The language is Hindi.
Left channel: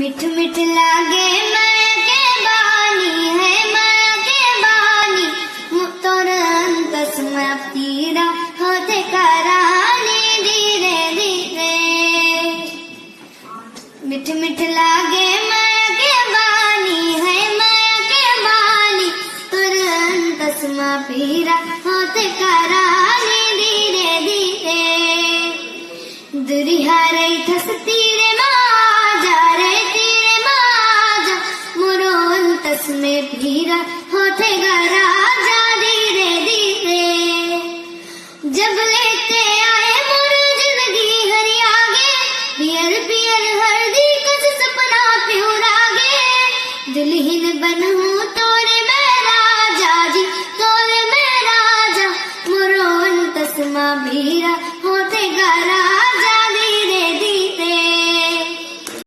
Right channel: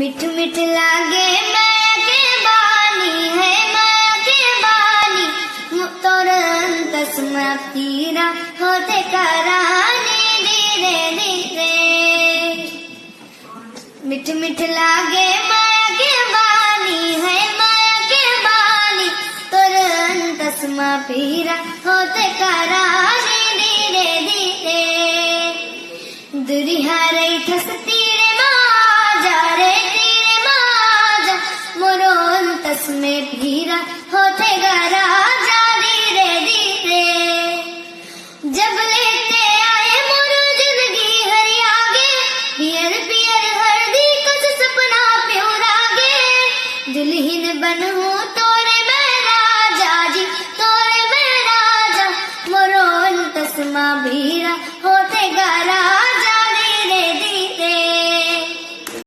मिठ मिठ लागे माया के बानी है माया के बानी तोर अंतस में पीरा होते करानी धीरे धीरे। मिठ मिठ लागे माया के बानी है माया के बानी तोर अंतस में पीरा होते करानी धीरे धीरे। दुरिहा रही ठसती रे माजा रे तीरे माजा मोरो अंतस में पीरा होते राजा।